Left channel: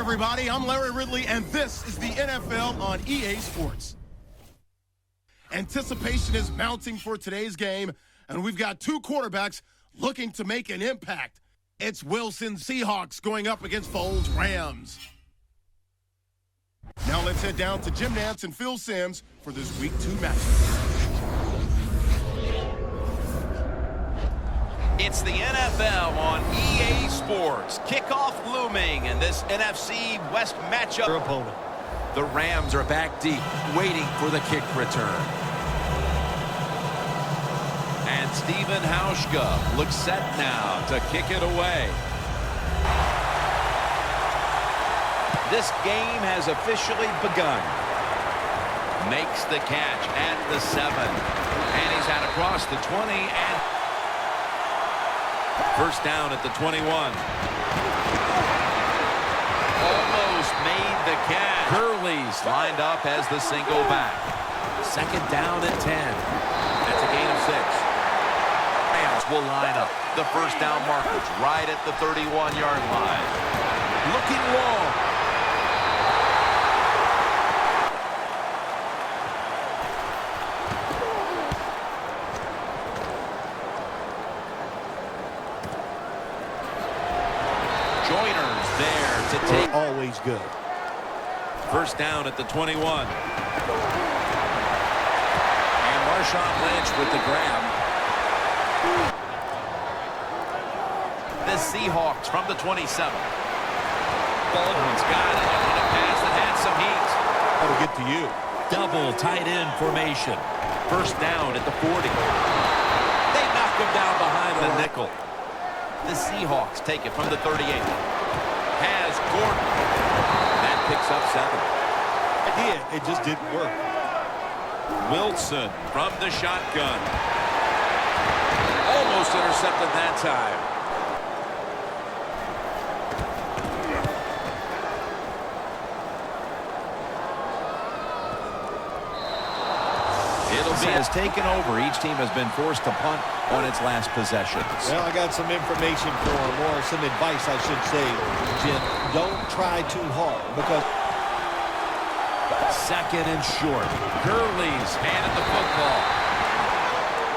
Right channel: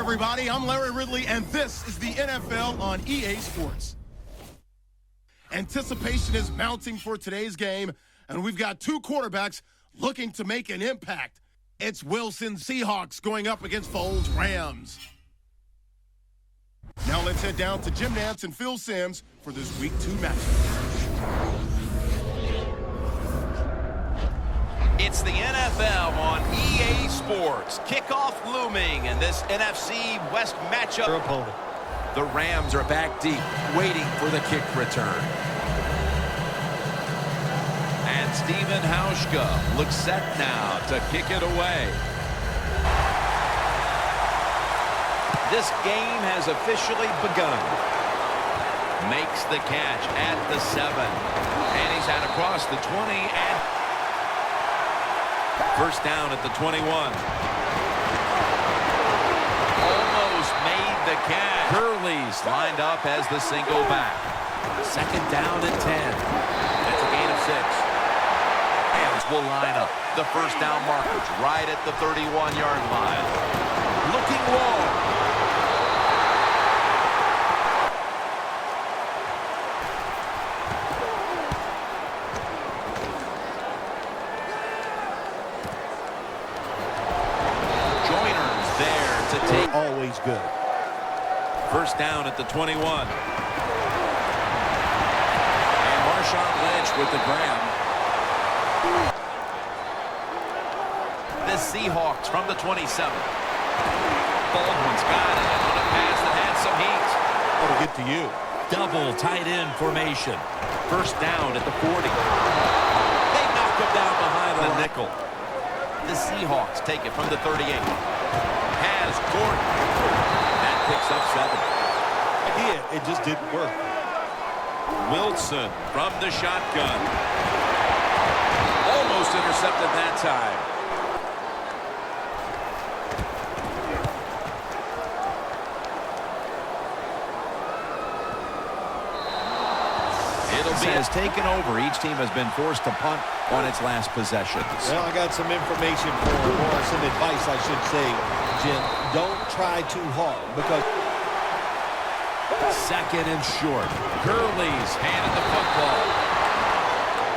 everybody. I'm Larry Ridley, and this is the NFL on EA Sports. Anticipation is mounting for today's game, and we've got two quarterbacks looking to make an impact. It's Wilson Seahawks going up against Foles Rams. Now let's head down to Jim Nantz and Phil Simms for this Week 2 matchup. It's the NFL on EA Sports. Kickoff looming in this NFC West matchup. Their opponent. The Rams are back deep, waiting for the kick return. And Steven Hauschka looks set now to kick it away. This game has officially begun. Makes the catch at the 7. And he's out across the 20 and first down at the 21. Almost made the catch. Curley's lined up as the single back. Second down at 10. That's a gain of 6. Rams will line up. The first down markers right at the 31-yard line. Looking long. Joyner's there to take. Always good. First down at the 21. And Marshawn Lynch with the grab. The Seahawks from the 27. Baldwin's got it on a pass that had some heat. That'll get to you. Double tight end formation. First down at the 40. They knock him down behind the nickel. The Seahawks take it from the 38. Has Gordon. That picks up 7. It just didn't work. Wilson from the shotgun. Almost intercepted that time. Has taken over. Each team has been forced to punt on its last possessions. Well, I got some information for him, or some advice, I should say, Jim. Don't try too hard, because... Second and short. Gurley's handed the football.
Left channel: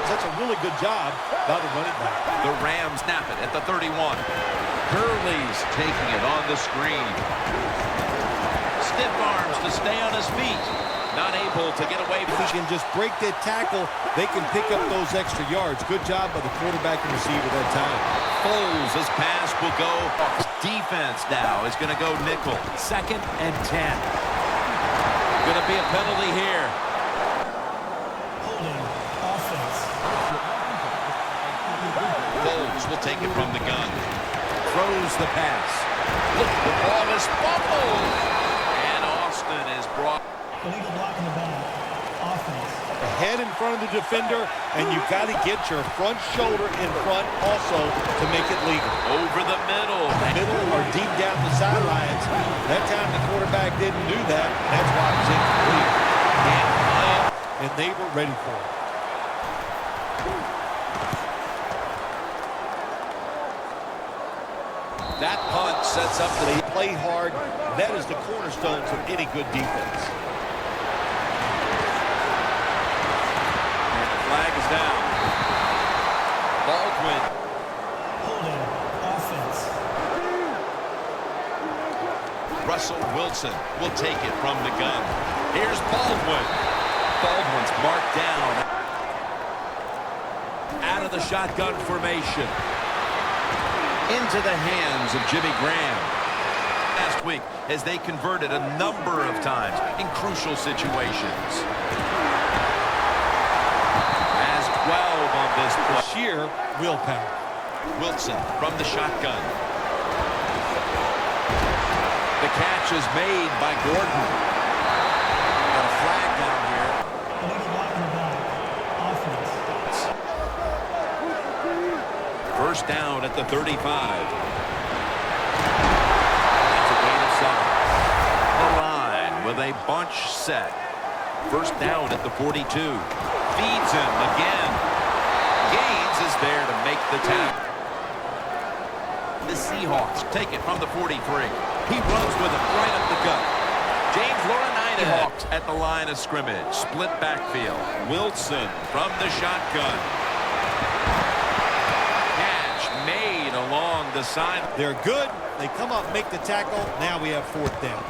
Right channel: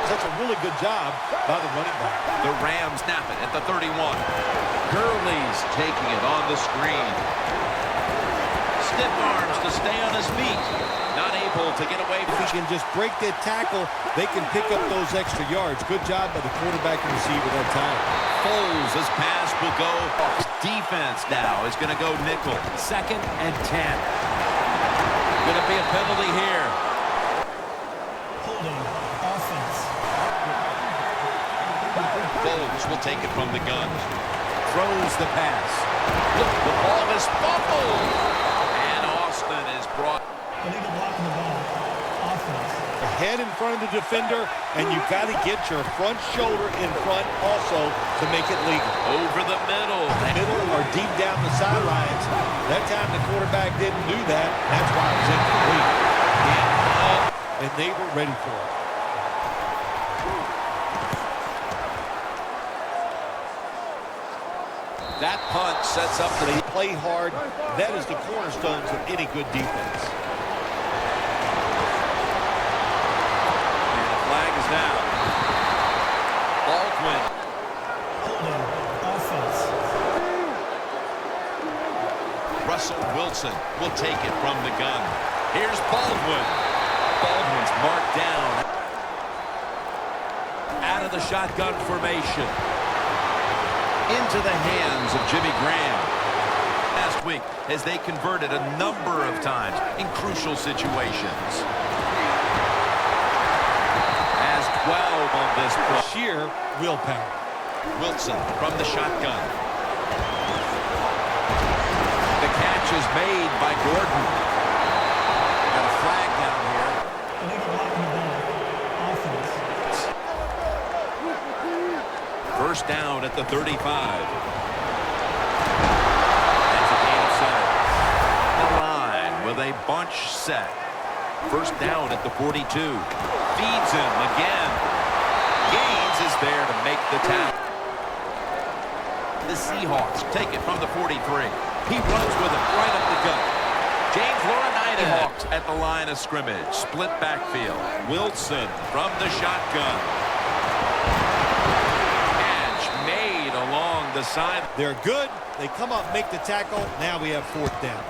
That's a really good job by the running back. The Rams snap it at the 31. Gurley's taking it on the screen. Stiff arms to stay on his feet. Not able to get away. If he can just break that tackle, they can pick up those extra yards. Good job by the quarterback and receiver that time. Foles' pass will go. Defense now is going to go nickel. Second and 10. Going to be a penalty here. Holding offense. Foles will take it from the gun. Throws the pass. Look, the ball is fumbled. And Austin is brought. Illegal block in the back. Offense. Head in front of the defender, and you've got to get your front shoulder in front also to make it legal. Over the middle. Middle or deep down the sidelines. That time the quarterback didn't do that. That's why it was incomplete. And they were ready for it. That punt sets up the... They play hard. That is the cornerstones of any good defense. And the flag is down. Baldwin. Holding offense. Russell Wilson will take it from the gun. Here's Baldwin. Baldwin's marked down. Out of the shotgun formation. Into the hands of Jimmy Graham. Last week, as they converted a number of times in crucial situations. Has 12 on this play. Sheer willpower. Wilson from the shotgun. The catch is made by Gordon. Got a flag down here. Illegal block in the back. Offense. First down at the 35. That's a gain of 7. The line with a bunch set. First down at the 42. Feeds him again. Gaines is there to make the tackle. The Seahawks take it from the 43. He runs with it right up the gut. James Laurinaitis. Seahawks at the line of scrimmage. Split backfield. Wilson from the shotgun. Catch made along the side. They're good. They come up, make the tackle. Now we have 4th down.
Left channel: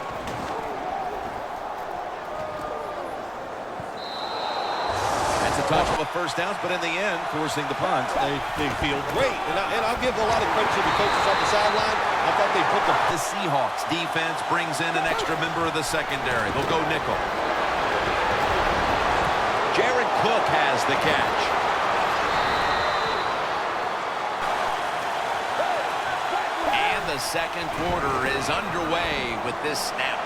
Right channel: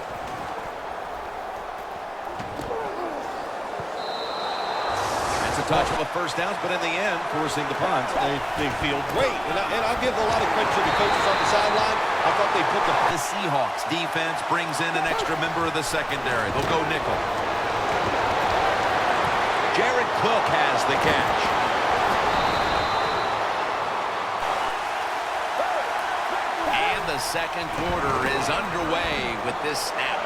That's a touch of a first down, but in the end, forcing the punt. They feel great. And I'll give a lot of credit to the coaches on the sideline. I thought they put The Seahawks defense brings in an extra member of the secondary. They'll go nickel. Jared Cook has the catch. And the second quarter is underway with this snap.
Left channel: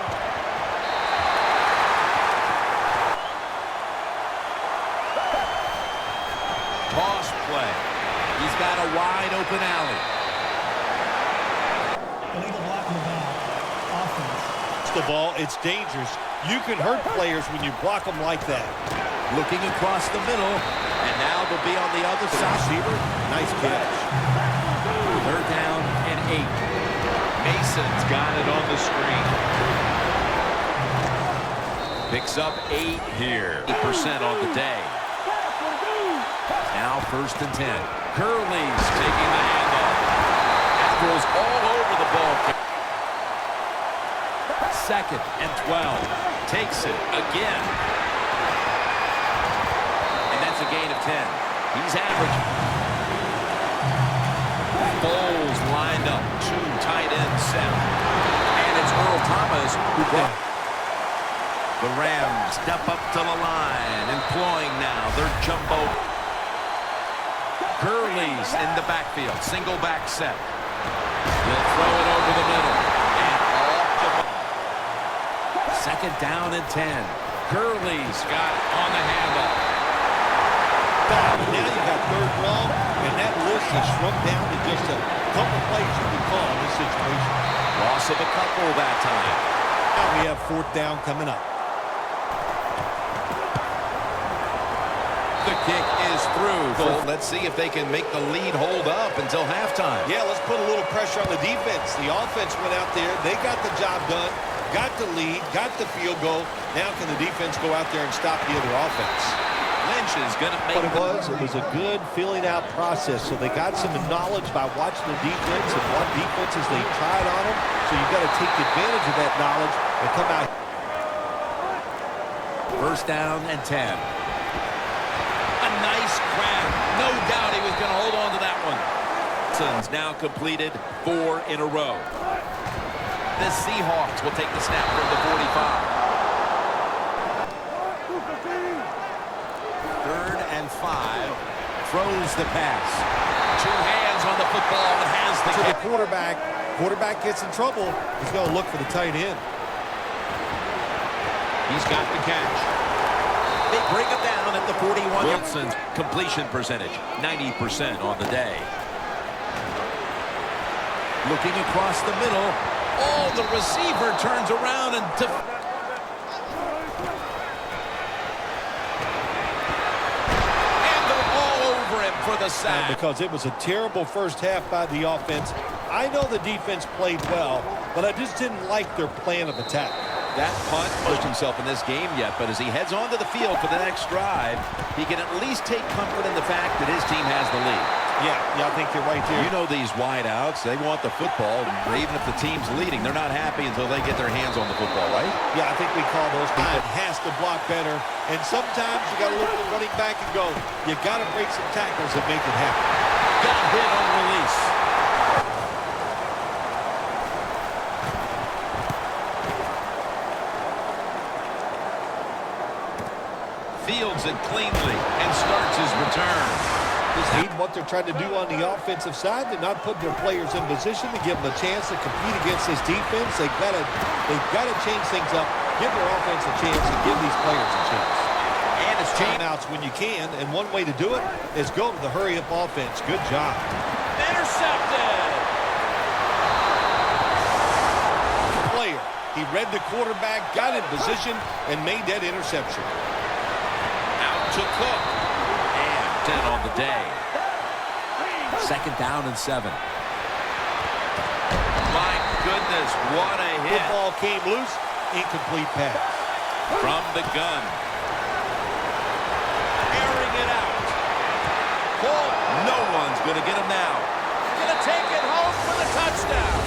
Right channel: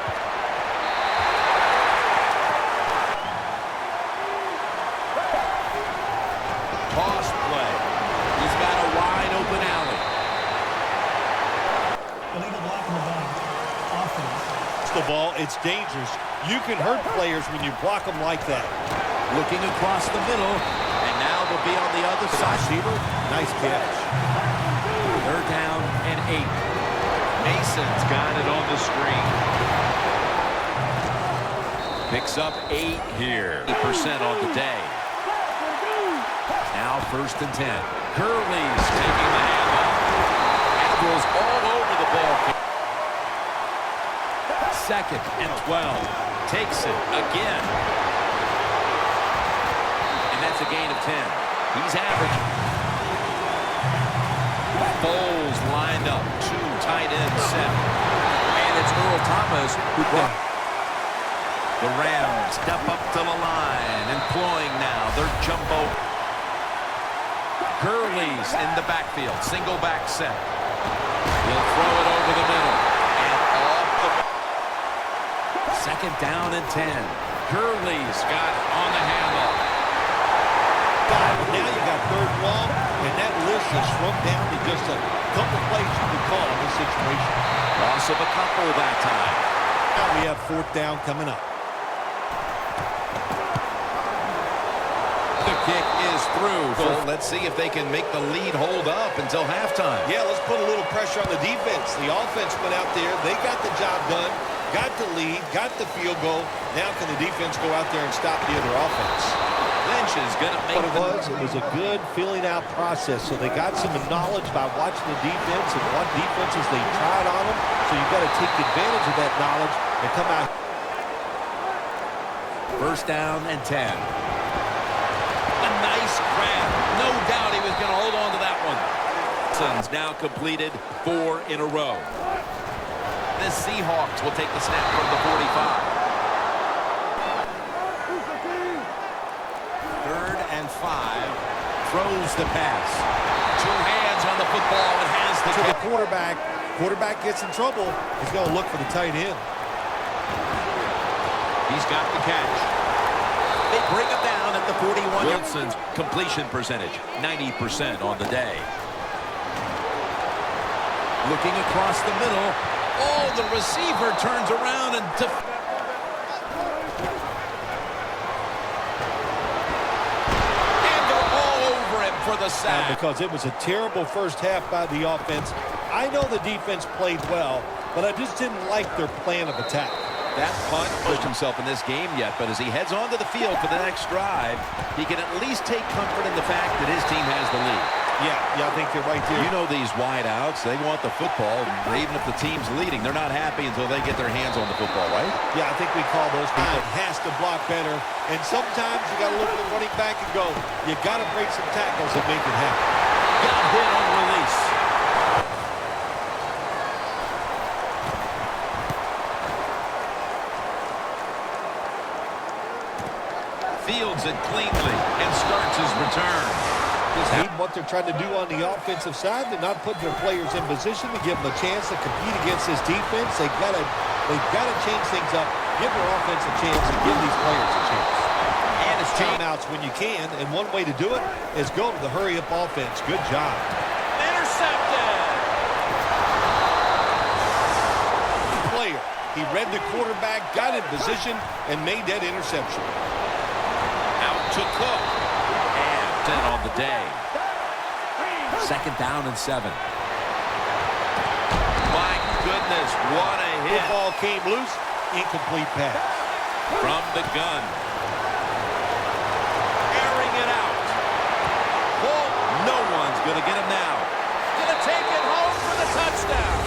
Toss play. He's got a wide open alley. Illegal block in the back. Offense. the ball. It's dangerous. You can hurt players when you block them like that. Looking across the middle, and now they'll be on the other side. Receiver, nice catch. 3rd down and 8. Mason's got it on the screen. Picks up 8 here. 8% on the day. Now 1st and 10. Curley's taking the handoff. Admirals all over the ball. 2nd and 12. Takes it again. And that's a gain of 10. He's averaging. Foles lined up. 2 tight ends set. And it's Earl Thomas who brought. The Rams step up to the line, employing now their jumbo. Gurley's in the backfield, single back set. He'll throw it over the middle and off the ball. 2nd down and 10. Gurley's got it on the handoff. Now you got 3rd and long, and that list has shrunk down to just a couple plays you can call in this situation. Loss of a couple that time. Now we have 4th down coming up. The kick is through. Well, let's see if they can make the lead hold up until halftime. Yeah, let's put a little pressure on the defense. The offense went out there. They got the job done, got the lead, got the field goal. Now can the defense go out there and stop the other offense? Lynch is going to make What it was a good filling out process. So they got some knowledge by watching the defense and what defenses they tried on them. So you've got to take advantage of that knowledge and come out. 1st down and 10. A nice grab. No doubt he was going to hold on to that one. Suns now completed 4 in a row. The Seahawks will take the snap from the 45. 3rd and 5. Throws the pass. 2 hands on the football and has the To the kick. quarterback gets in trouble. He's going to look for the tight end. He's got the catch. They bring him down at the 41. Wilson's completion percentage, 90% on the day. Looking across the middle. Oh, the receiver turns around and... And they're all over him for the sack. Because it was a terrible first half by the offense. I know the defense played well, but I just didn't like their plan of attack. That punt pushed himself in this game yet, but as he heads onto the field for the next drive, he can at least take comfort in the fact that his team has the lead. Yeah, I think you're right there. You know these wideouts, they want the football. Even if the team's leading, they're not happy until they get their hands on the football, right? Yeah, I think we call those people. Has to block better, and sometimes you got to look at the running back and go, you got to break some tackles and make it happen. Got hit on release. Fields it cleanly and starts his return. Just hate what they're trying to do on the offensive side. They're not putting their players in position to give them a chance to compete against this defense. They've got to change things up, give their offense a chance, and give these players a chance. And it's Timeouts when you can, and one way to do it is go to the hurry-up offense. Good job. Intercepted. Player. He read the quarterback, got in position, and made that interception. Out to Cook. And 10 on the day. 2nd down and 7. Mike goodness, what a hit. Football came loose, incomplete pass. From the gun. Airing it out. Ball, no one's going to get him now. Going to take it home for the touchdown.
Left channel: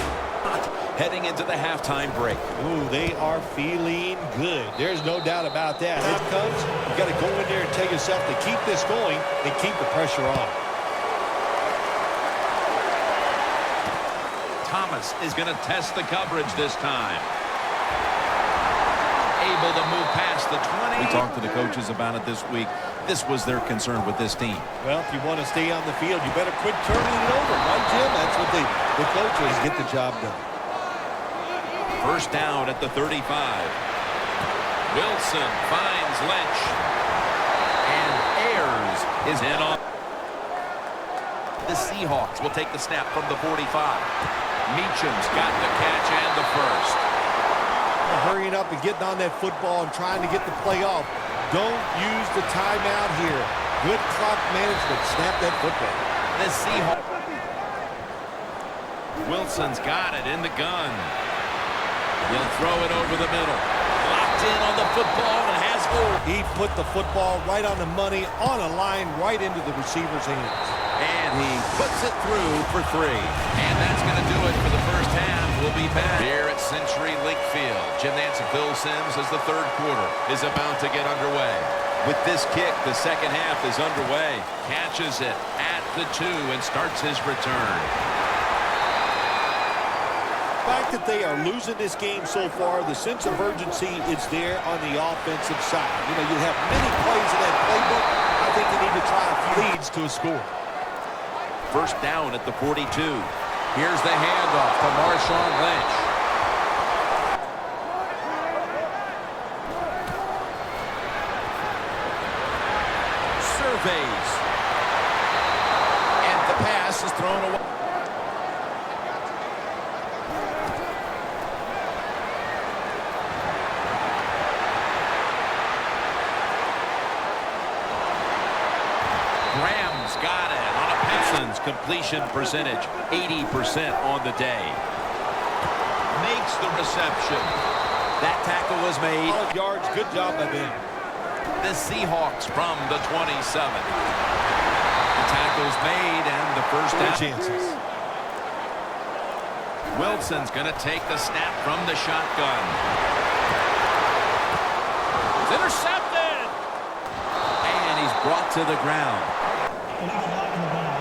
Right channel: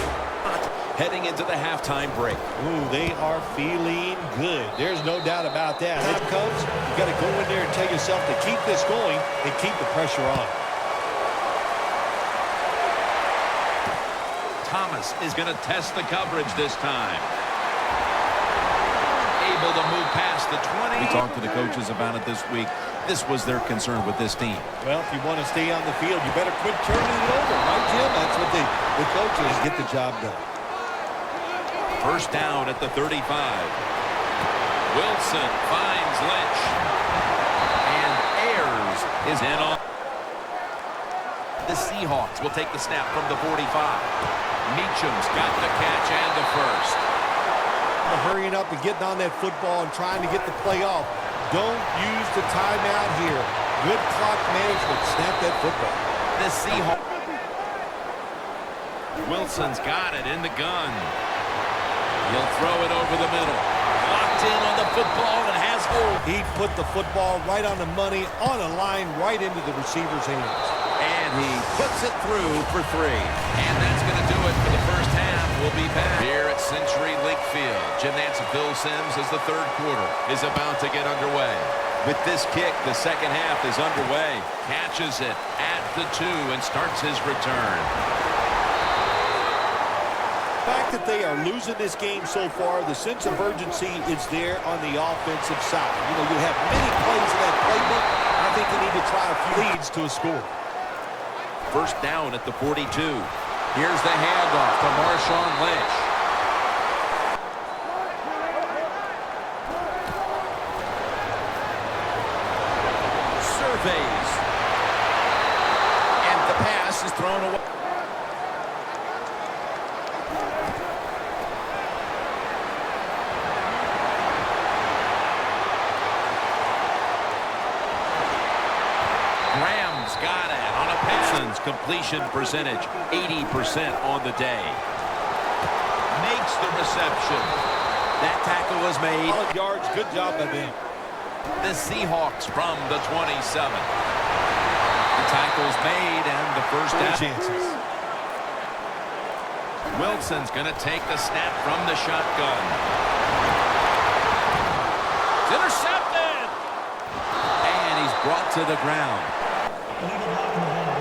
Heading into the halftime break. Ooh, they are feeling good. There's no doubt about that. Time comes, you got to go in there and tell yourself to keep this going and keep the pressure on. Thomas is going to test the coverage this time. Able to move past the 20. We talked to the coaches about it this week. This was their concern with this team. Well, if you want to stay on the field, you better quit turning it over, right, Jim? That's what the coaches get the job done. First down at the 35. Wilson finds Lynch. And Ayers is in on. The Seahawks will take the snap from the 45. Meacham's got the catch and the first. Hurrying up and getting on that football and trying to get the play off. Don't use the timeout here. Good clock management. Snap that football. The Seahawks. Wilson's got it in the gun. He'll throw it over the middle. Locked in on the football and has hold. He put the football right on the money, on a line, right into the receiver's hands. And he puts it through for 3. And that's going to do it for the first half. We'll be back here at Century Link Field. Jim Nantz and Phil Simms as the third quarter is about to get underway. With this kick, the second half is underway. Catches it at the 2 and starts his return. The fact that they are losing this game so far, the sense of urgency is there on the offensive side. You know, you have many plays in that playbook. I think you need to try a few leads to a score. First down at the 42. Here's the handoff to Marshawn Lynch. Surveys. And the pass is thrown away. Graham's got it on a pass. Completion percentage 80% on the day. Makes the reception. That tackle was made. Solid yards. Good job by them. The Seahawks from the 27. The tackle's made and the first down. Chances. Wilson's going to take the snap from the shotgun. It's intercepted. And he's brought to the ground. Illegal block in the back.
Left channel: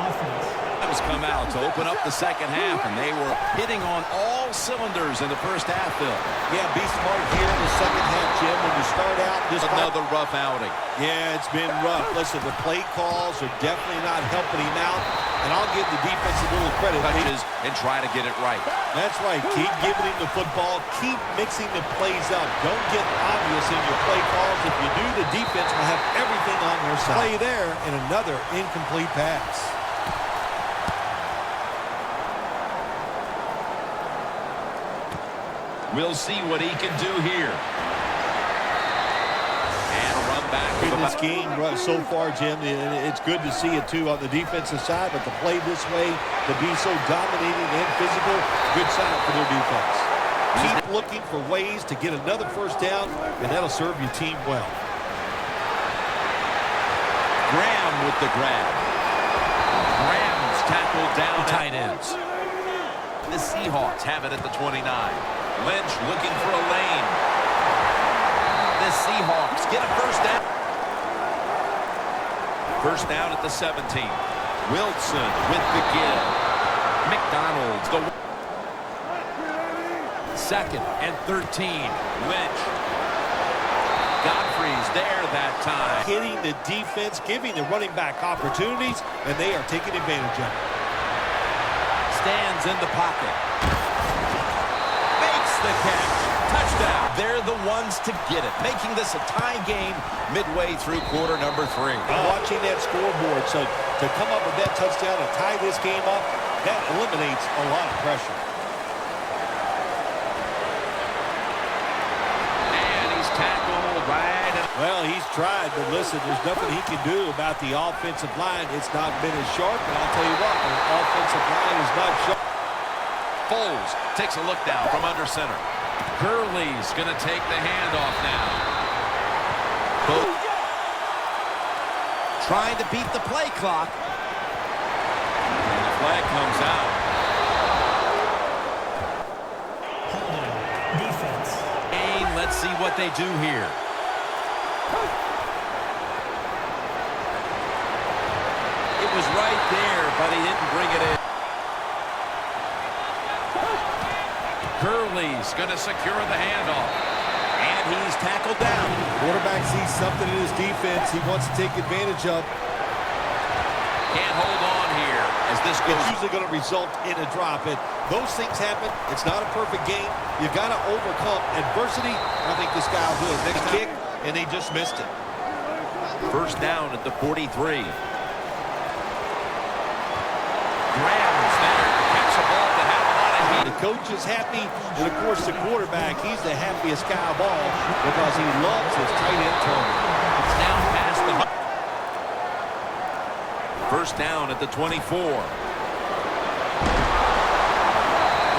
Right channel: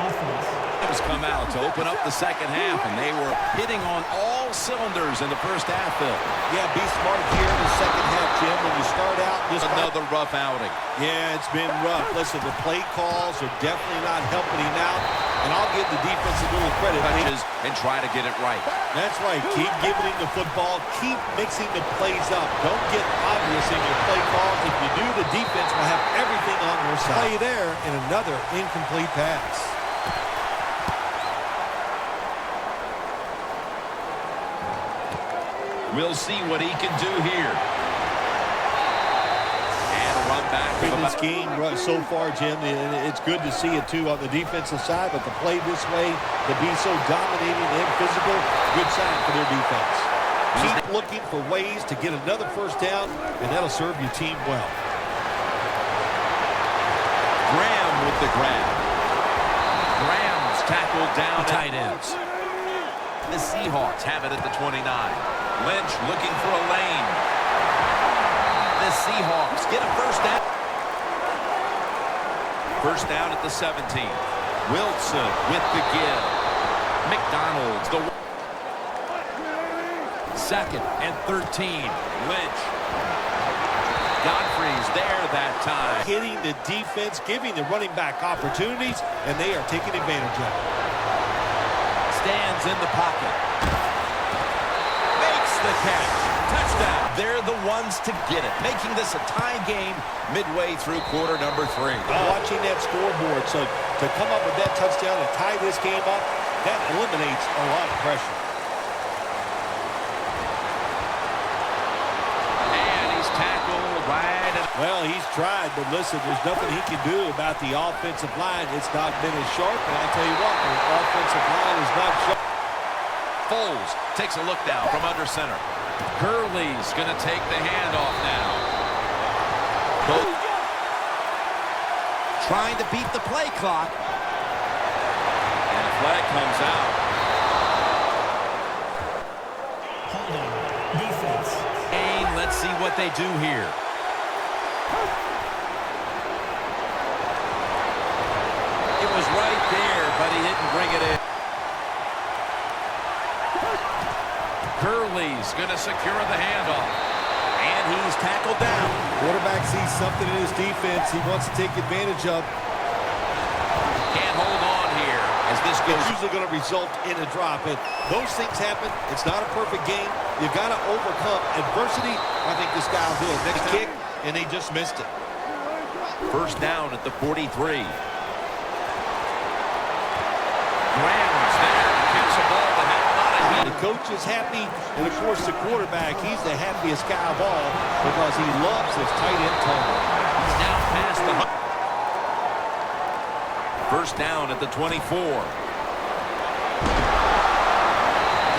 Offense. Has come out to open up the second half, and they were hitting on all cylinders in the first half, Phil. Yeah, be smart here in the second half, Jim. When you start out, just another rough outing. Yeah, it's been rough. Listen, the play calls are definitely not helping him out, and I'll give the defense a little credit. Touches and try to get it right. That's right. Keep giving him the football. Keep mixing the plays up. Don't get obvious in your play calls. If you do, the defense will have everything on their side. Play there, and another incomplete pass. We'll see what he can do here. And a run back. In this game so far, Jim, it's good to see it, too, on the defensive side. But to play this way, to be so dominating and physical, good sign for their defense. Keep looking for ways to get another first down, and that'll serve your team well. Graham with the grab. Graham's tackled down. Tight ends. The Seahawks have it at the 29. Lynch looking for a lane. The Seahawks get a first down. First down at the 17. Wilson with the give. McDonald's the second and 13. Lynch. Godfrey's there that time. Hitting the defense, giving the running back opportunities, and they are taking advantage of it. Stands in the pocket. Makes the catch. Touchdown. They're the ones to get it, making this a tie game midway through quarter number 3. Watching that scoreboard, so to come up with that touchdown and tie this game up, that eliminates a lot of pressure. And he's tackled right. Well, he's tried, but listen, there's nothing he can do about the offensive line. It's not been as sharp, and I'll tell you what, the offensive line is not sharp. Foles takes a look down from under center. Gurley's going to take the handoff now. Both trying to beat the play clock. And a flag comes out. Holding. Defense. And let's see what they do here. It was right there, but he didn't bring it in. Gurley's going to secure the handoff. And he's tackled down. Quarterback sees something in his defense he wants to take advantage of. Can't hold on here as this goes. It's usually going to result in a drop. And those things happen. It's not a perfect game. You got to overcome adversity. I think this guy will do it. Next kick, and they just missed it. First down at the 43. Graham's there to catch a ball that had a lot of heat. The coach is happy, and of course the quarterback, he's the happiest guy of all because he loves his tight end target. He's now past the 100. First down at the 24.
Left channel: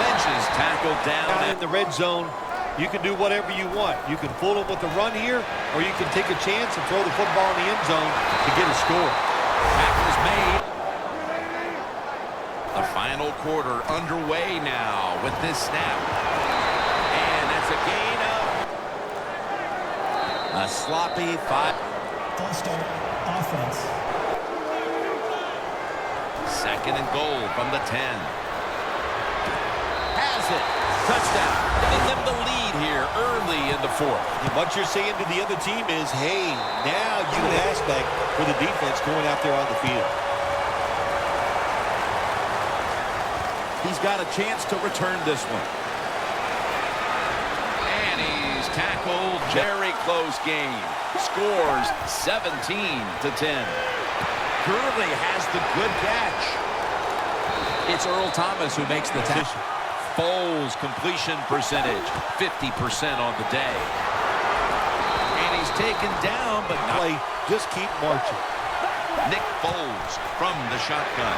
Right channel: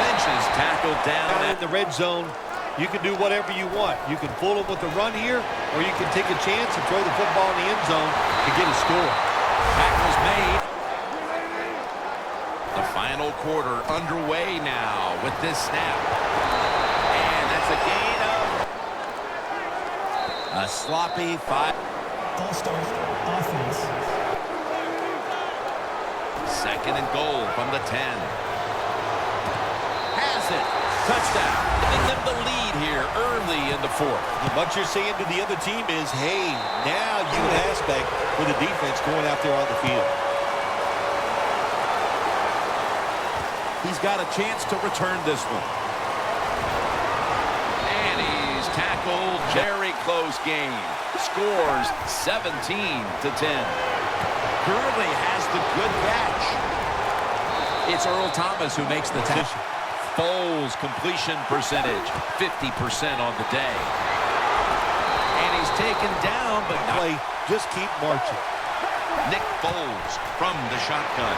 Lynch is tackled down In the red zone, you can do whatever you want. You can fool him with the run here, or you can take a chance and throw the football in the end zone to get a score. Tackle's made. The final quarter underway now with this snap. And that's a gain of a sloppy 5. False start. Offense. Second and goal from the 10. Has it. Touchdown. Giving them the lead here early in the fourth. And what you're saying to the other team is, hey, now you an aspect for the defense going out there on the field. He's got a chance to return this one. And he's tackled. Very close game. Scores 17-10. Gurley has the good catch. It's Earl Thomas who makes the tackle. Foles completion percentage 50% on the day. And he's taken down, but not. Just keep marching. Nick Foles from the shotgun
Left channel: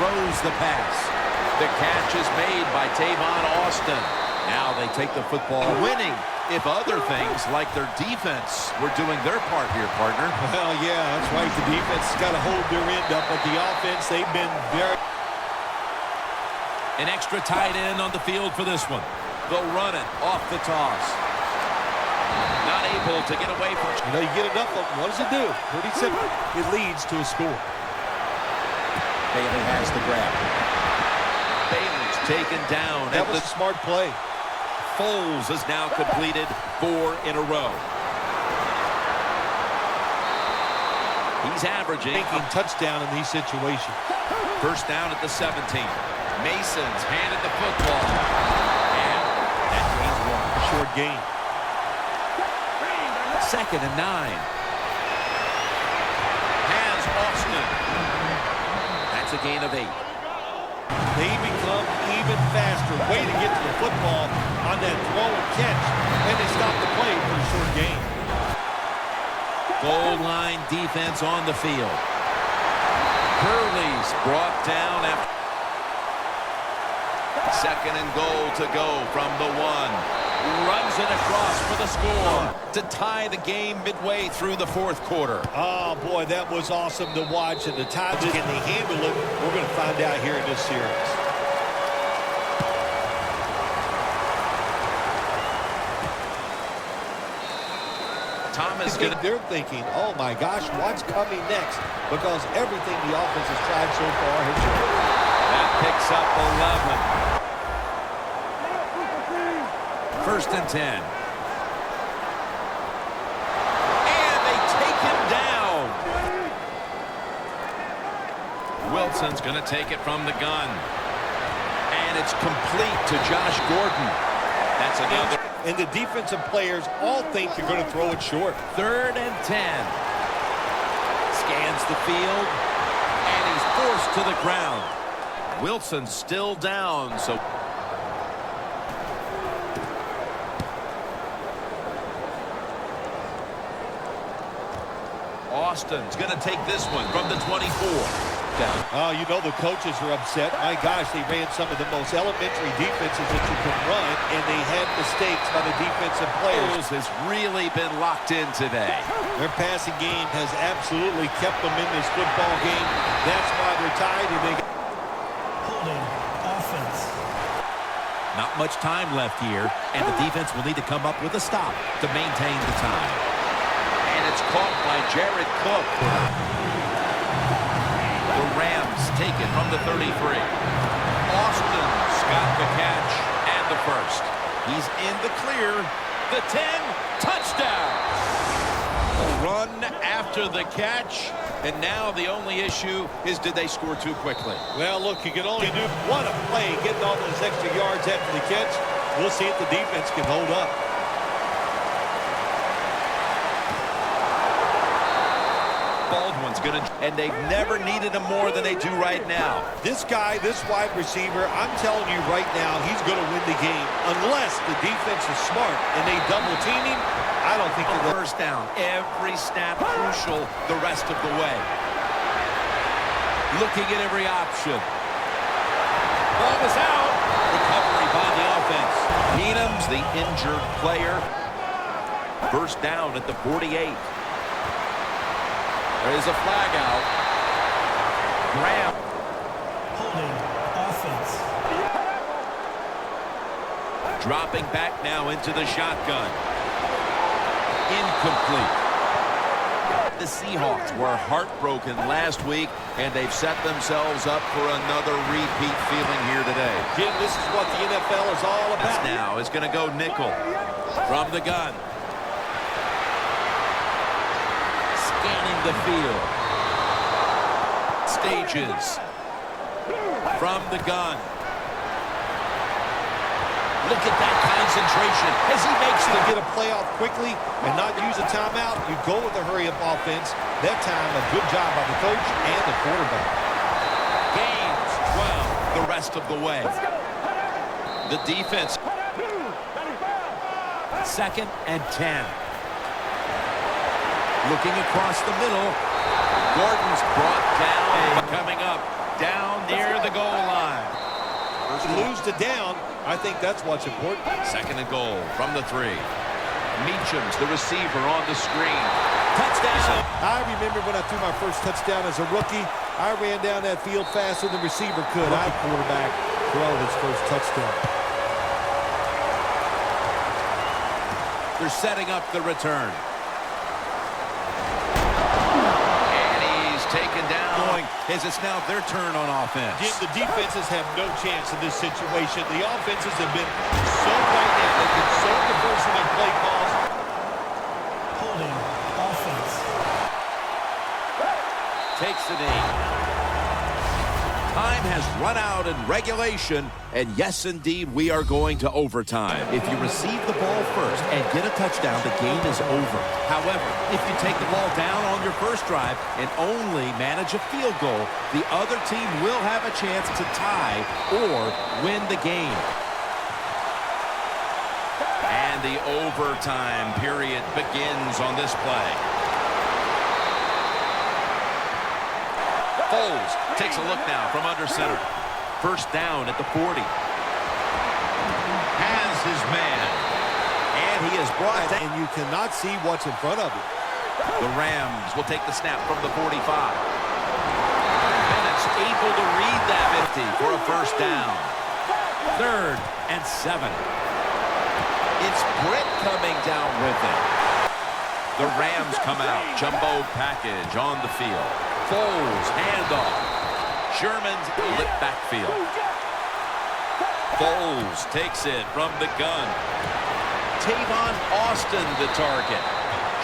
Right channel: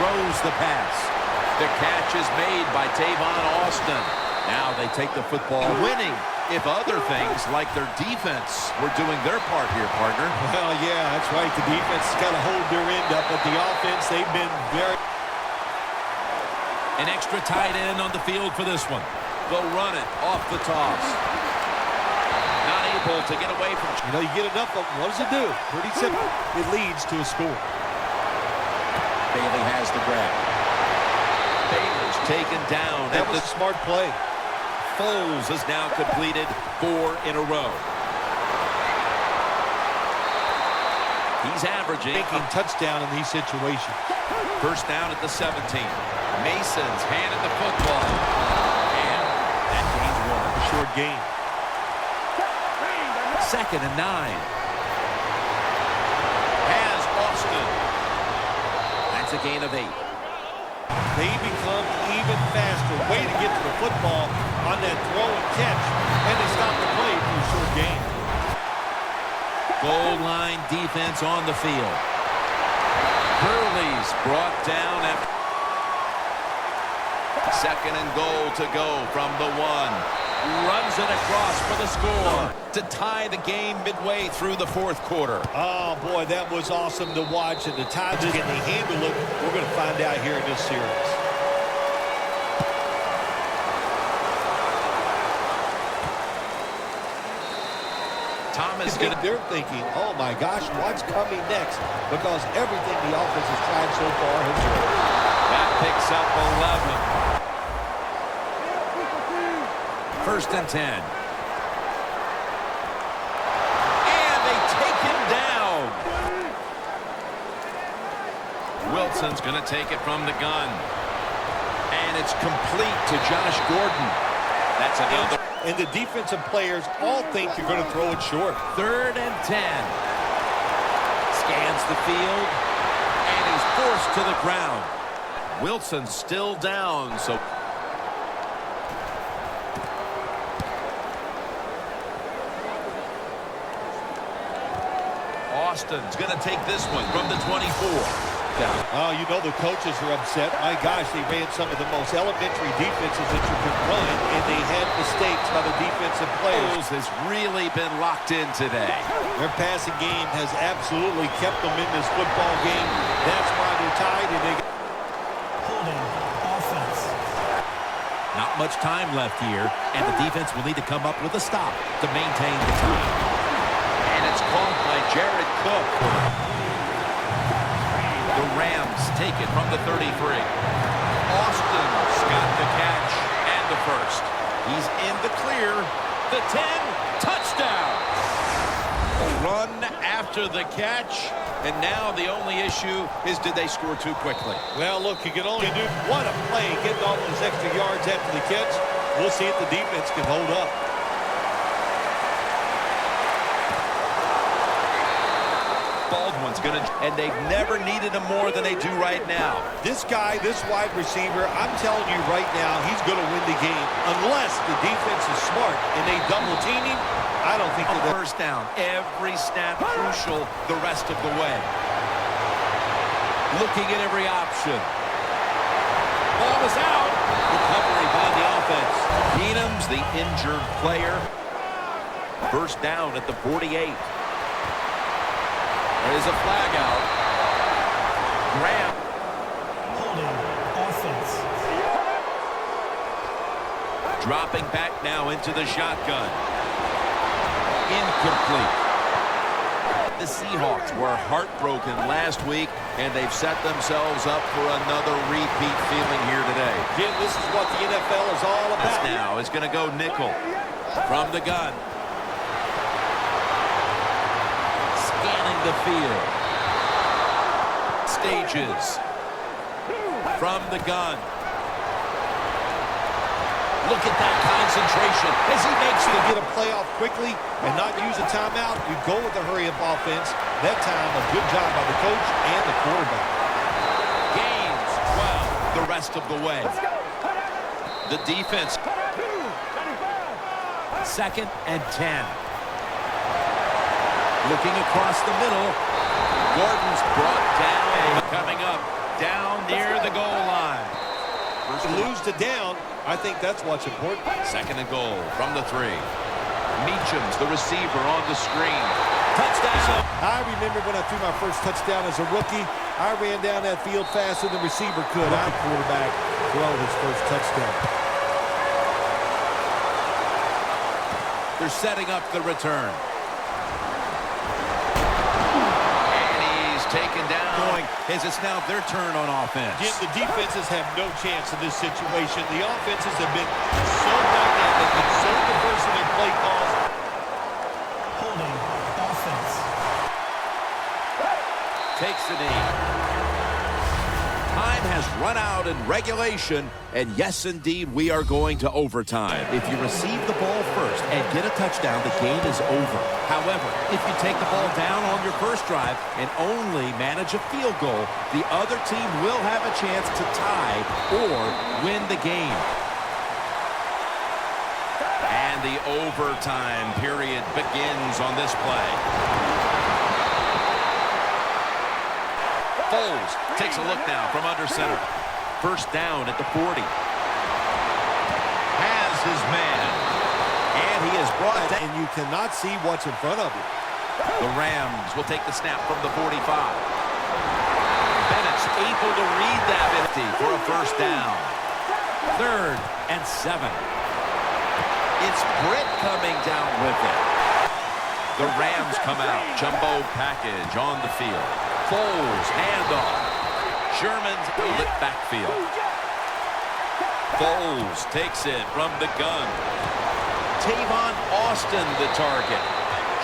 throws the pass. The catch is made by Tavon Austin. Now they take the football, winning if other things like their defense were doing their part here, partner. Well, yeah, that's right. The defense has got to hold their end up, but the offense, they've been very... An extra tight end on the field for this one. They'll run it off the toss. Not able to get away from... You know, you get enough of them. What does it do? Pretty simple. It leads to a score. Bailey has the grab. Bailey's taken down. That was a smart play. Foles has now completed 4 in a row. He's averaging Making touchdown in these situations. First down at the 17. Mason's handed the football. And that gains 1. Short gain. Second and 9. Has Austin. That's a gain of 8. They become even faster. Way to get to the football on that throw and catch. And they stop the play for a short gain. Goal line defense on the field. Gurley's brought down after. Second and goal to go from the 1. Runs it across for the score to tie the game midway through the fourth quarter. Oh, boy, that was awesome to watch. And the time can they handle it? We're going to find out here in this series. Thomas They're thinking, oh, my gosh, what's coming next? Because everything the offense has tried so far has worked. That picks up 11. First and 10. And they take him down. Wilson's going to take it from the gun. And it's complete to Josh Gordon. That's another. And the defensive players all think they're going to throw it short. Third and 10. Scans the field. And he's forced to the ground. Wilson's still down, so... Austin's going to take this one from the 24. touchdown. Oh, you know the coaches are upset. My gosh, they ran some of the most elementary defenses that you can run, and they had mistakes by the defensive players. Has really been locked in today. Their passing game has absolutely kept them in this football game. That's why they're tied, and they Holding. Offense. Not much time left here, and the defense will need to come up with a stop to maintain the time. And it's caught by Jared Cook. The Rams take it from the 33. Austin's got the catch and the first. He's in the clear. The 10, touchdown. Run after the catch, and now the only issue is did they score too quickly? Well, look, you can only do one play, getting all those extra yards after the catch. We'll see if the defense can hold up. Baldwin's going to, and they've never needed him more than they do right now. This guy, this wide receiver, I'm telling you right now, he's going to win the game. Unless the defense is smart and they double team him, I don't think that First down. Every snap crucial the rest of the way. Looking at every option. Ball was out. Recovery by the offense. Keenum's the injured player. First down at the 48. There is a flag out. Graham. Holding. Offense. Dropping back now into the shotgun. Incomplete. The Seahawks were heartbroken last week, and they've set themselves up for another repeat feeling here today. Jim, this is what the NFL is all about. Now is going to go nickel from the gun. Scanning the field. Stages from the gun. Look at that concentration as he makes To get a playoff quickly and not use a timeout, you go with the hurry-up offense. That time, a good job by the coach and the quarterback. gains 12 the rest of the way. The defense. 2nd and 10. Looking across the middle. Gordon's brought down. Coming up down near the goal line. Lose the down, I think that's what's important. 2nd and goal from the 3. Meacham's the receiver on the screen. Touchdown. I remember when I threw my first touchdown as a rookie, I ran down that field faster than the receiver could. I had a quarterback throw his first touchdown. They're setting up the return. Taken down, going as it's now their turn on offense. Jim, the defenses have no chance in this situation. The offenses have been so dynamic and so diverse in their play calls. Holding. Offense. Takes the knee. Time has run out in regulation, and yes, indeed, we are going to overtime. If you receive the ball first and get a touchdown, the game is over. However, if you take the ball down on your first drive and only manage a field goal, the other team will have a chance to tie or win the game. And the overtime period begins on this play. Foles takes a look now from under center. First down at the 40. Has his man. And he is brought down. And you cannot see what's in front of you. The Rams will take the snap from the 45. Bennett's able to read that 50 for a first down. 3rd and 7. It's Britt coming down with it. The Rams come out. Jumbo package on the field. Foles, handoff. Sherman's in the backfield. Foles takes it from the gun. Tavon Austin the target.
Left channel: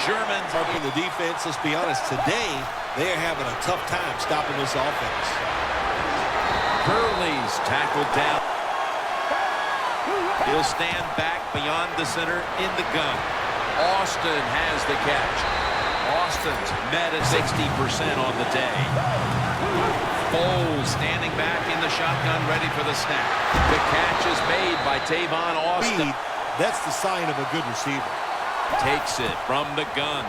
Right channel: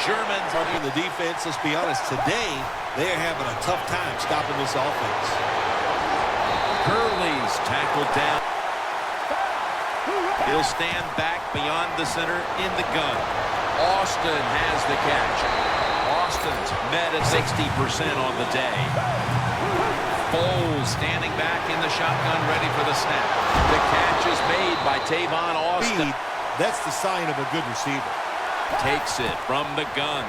Sherman's In the defense, let's be honest, today they are having a tough time stopping this offense. Gurley's tackled down. He'll stand back beyond the center in the gun. Austin has the catch. Austin's met at 60% on the day. Foles standing back in the shotgun, ready for the snap. The catch is made by Tavon Austin. That's the sign of a good receiver. Takes it from the gun.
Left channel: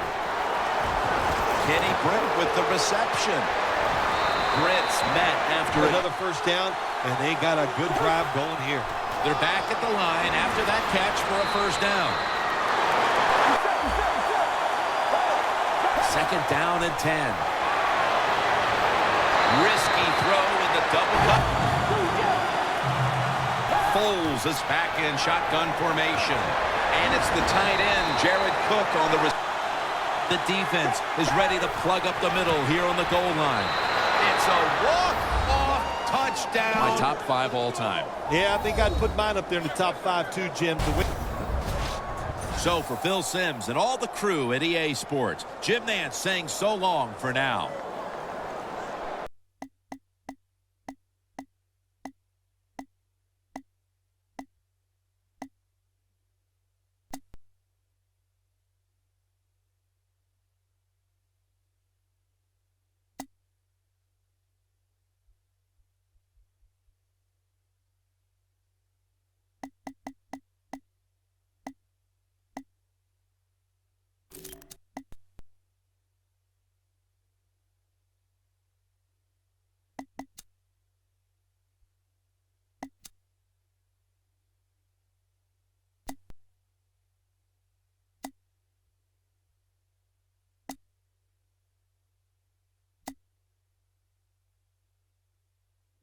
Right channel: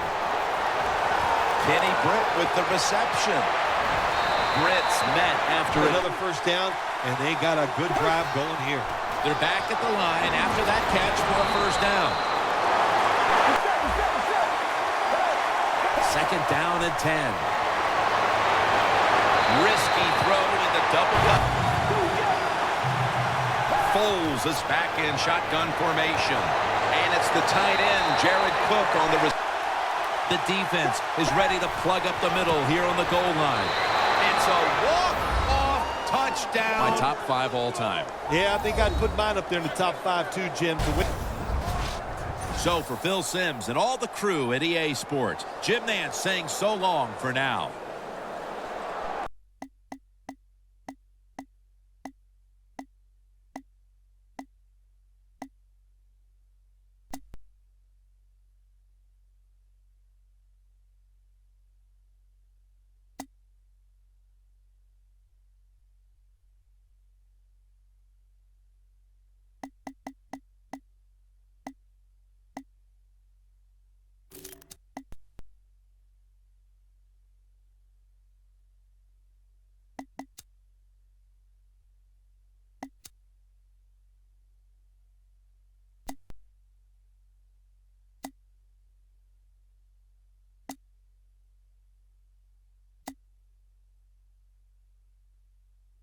Kenny Britt with the reception. splits met after another first down, and they got a good drive going here. They're back at the line after that catch for a first down. Second down and 10. Risky throw in the double cut. Foles is back in shotgun formation. And it's the tight end, Jared Cook, on the defense is ready to plug up the middle here on the goal line. It's a walk-off touchdown. My top 5 all time. Yeah, I think I'd put mine up there in the top 5 too, Jim, to win. So for Phil Simms and all the crew at EA Sports, Jim Nance saying so long for now.